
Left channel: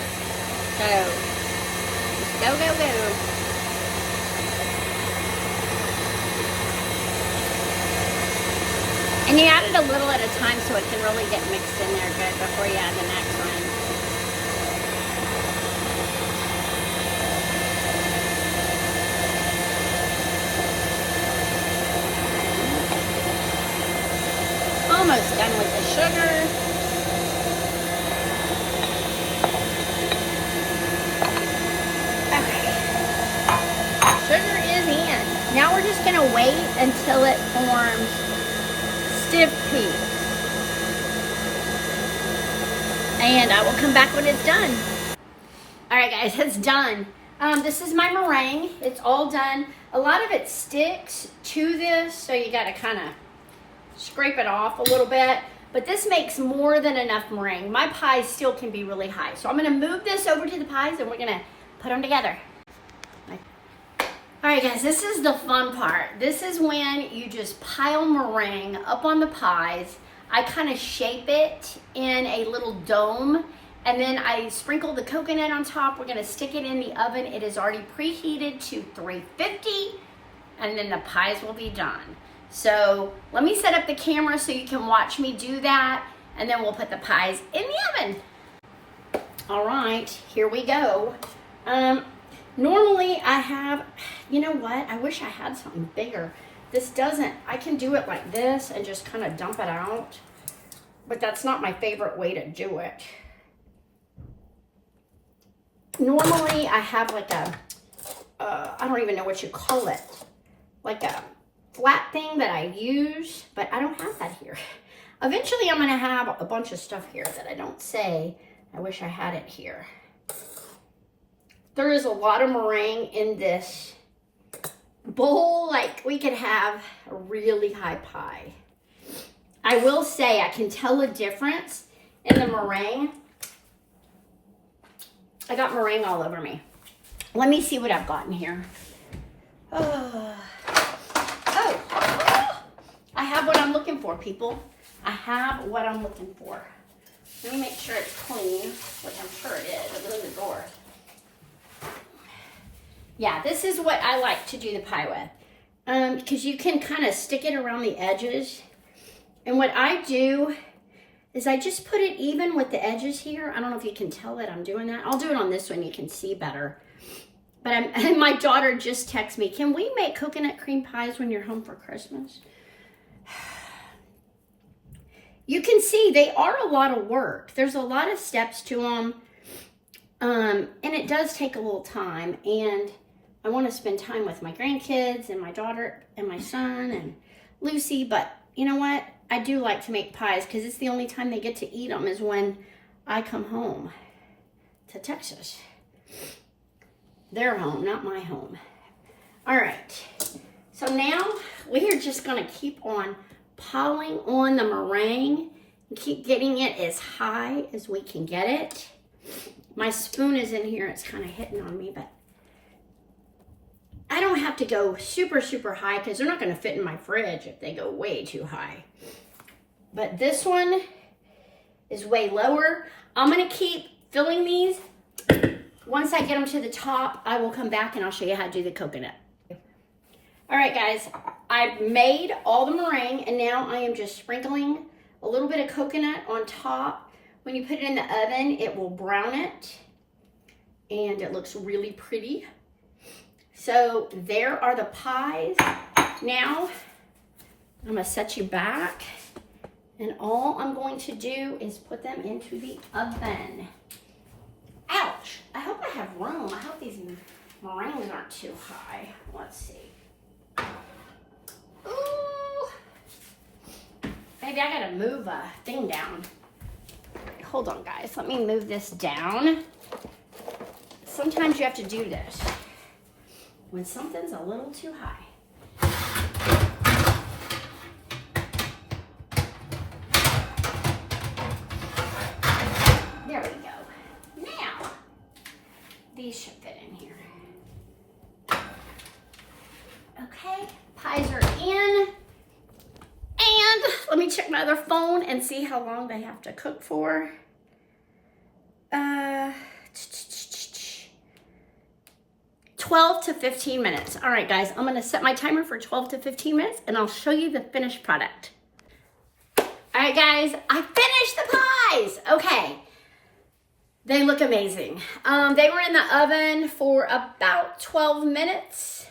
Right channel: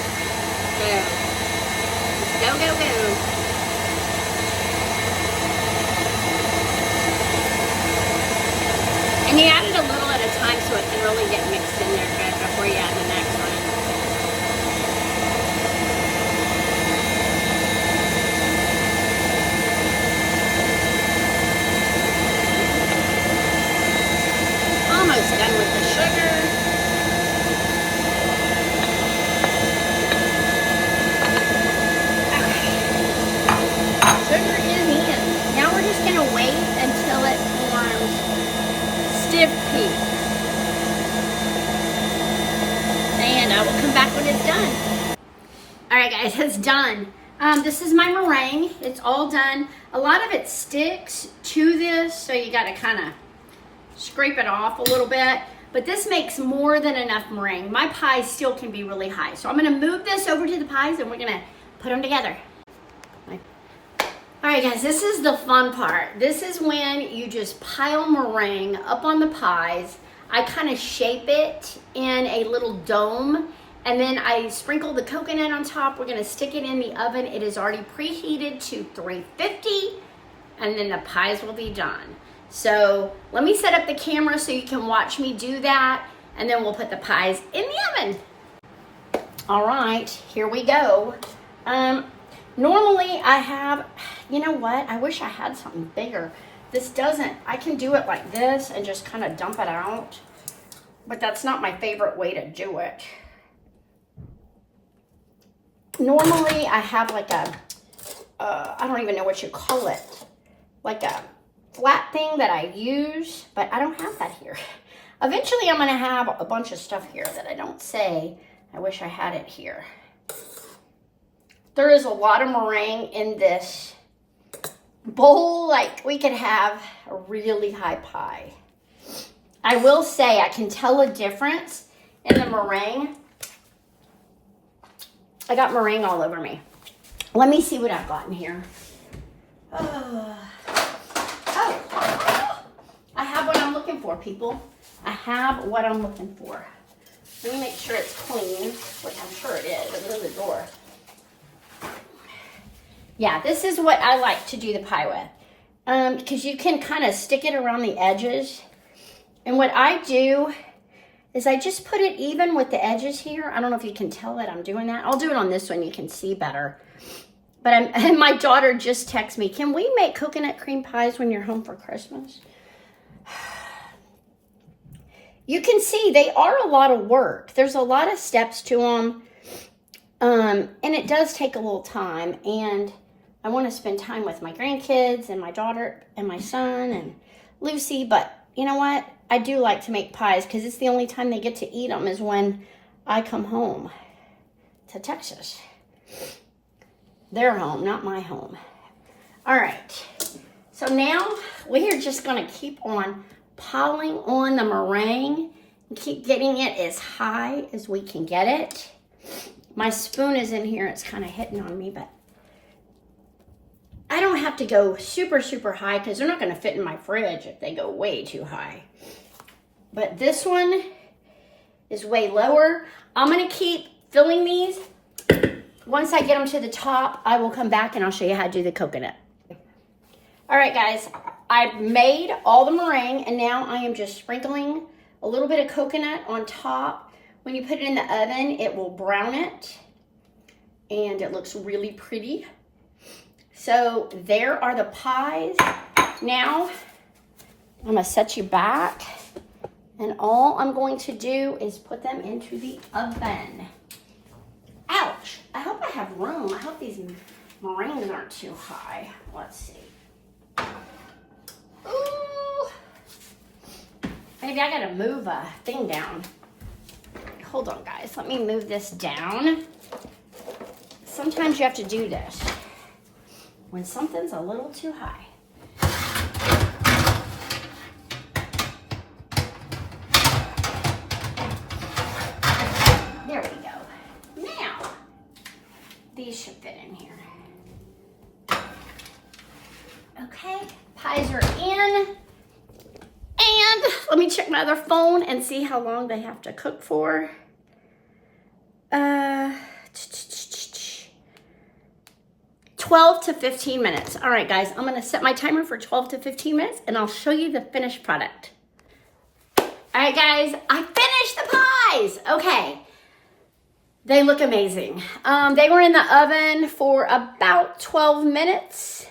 Go, go, go. And you add it a little at a time so it can really get mixed in there good before you add the next one. Almost done with the sugar. Okay. Sugar is in. Now we're just going to wait until it forms stiff peaks. And I will come back when it's done. All right, guys, it's done. This is my meringue. It's all done. A lot of it sticks to this, so you got to kind of scrape it off a little bit. But this makes more than enough meringue. My pies still can be really high. So I'm going to move this over to the pies and we're going to put them together. All right, guys, this is the fun part. This is when you just pile meringue up on the pies. I kind of shape it in a little dome, and then I sprinkle the coconut on top. We're gonna stick it in the oven. It is already preheated to 350, and then the pies will be done. So let me set up the camera so you can watch me do that, and then we'll put the pies in the oven. All right, here we go. Normally I have, you know what? I wish I had something bigger. This doesn't, I can do it like this and just kind of dump it out. But that's not my favorite way to do it. Normally I have like a, I don't even know what you call it. Like a flat thing that I use, but I don't have that here. Eventually I'm gonna have a bunch of stuff here that I don't say. I wish I had it here. There is a lot of meringue in this bowl. Like, we could have a really high pie. I will say I can tell a difference in the meringue. I got meringue all over me. Let me see what I've got in here. Oh, I have what I'm looking for, people. I have what I'm looking for. Let me make sure it's clean, which I'm sure it is. Look at the door. Yeah, this is what I like to do the pie with. Because you can kind of stick it around the edges. And what I do is I just put it even with the edges here. I don't know if you can tell that I'm doing that. I'll do it on this one, you can see better. But my daughter just texted me, can we make coconut cream pies when you're home for Christmas? You can see they are a lot of work. There's a lot of steps to them. And it does take a little time. And I want to spend time with my grandkids and my daughter and my son and Lucy. But you know what? I do like to make pies because it's the only time they get to eat them is when I come home to Texas. Their home, not my home. All right. So now we are just going to keep on piling on the meringue and keep getting it as high as we can get it. My spoon is in here. It's kind of hitting on me, but I don't have to go super, super high because they're not going to fit in my fridge if they go way too high. But this one is way lower. I'm going to keep filling these. Once I get them to the top, I will come back and I'll show you how to do the coconut. All right, guys, I've made all the meringue and now I am just sprinkling a little bit of coconut on top. When you put it in the oven, it will brown it and it looks really pretty. So there are the pies. Now I'm gonna set you back and all I'm going to do is put them into the oven. Ouch, I hope I have room. I hope these meringues aren't too high. Let's see. Ooh. Maybe I gotta move a thing down. Hold on, guys. Let me move this down. Sometimes you have to do this when something's a little too high. There we go. Now, these should fit in here. Okay, pies are in. And let me check my other phone and see how long they have to cook for. 12 to 15 minutes. All right, guys, I'm gonna set my timer for 12 to 15 minutes and I'll show you the finished product. All right, guys, I finished the pies. Okay, they look amazing. They were in the oven for about 12 minutes.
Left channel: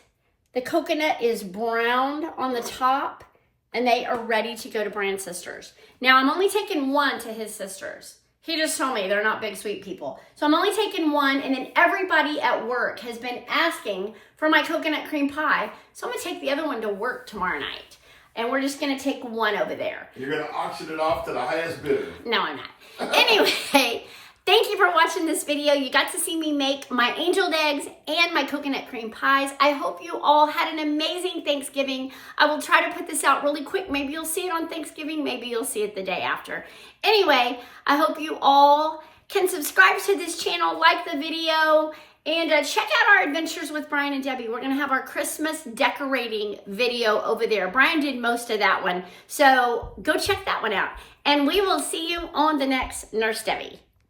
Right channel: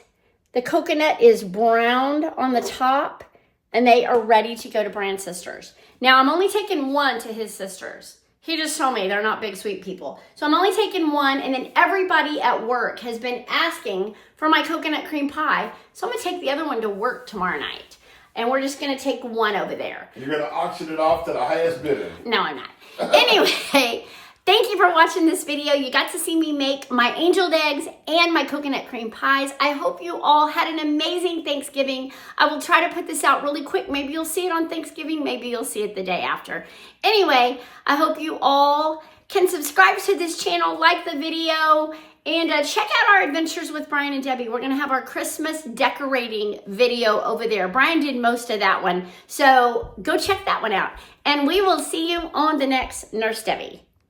The coconut is browned on the top and they are ready to go to Brand's sisters. Now, I'm only taking one to his sisters. He just told me they're not big, sweet people. So I'm only taking one, and then everybody at work has been asking for my coconut cream pie. So I'm gonna take the other one to work tomorrow night. And we're just gonna take one over there. You're gonna auction it off to the highest bidder. No, I'm not. Anyway, thank you for watching this video. You got to see me make my angel eggs and my coconut cream pies. I hope you all had an amazing Thanksgiving. I will try to put this out really quick. Maybe you'll see it on Thanksgiving. Maybe you'll see it the day after. Anyway, I hope you all can subscribe to this channel, like the video, and check out our adventures with Brian and Debbie. We're going to have our Christmas decorating video over there. Brian did most of that one, so go check that one out. And we will see you on the next Nurse Debbie.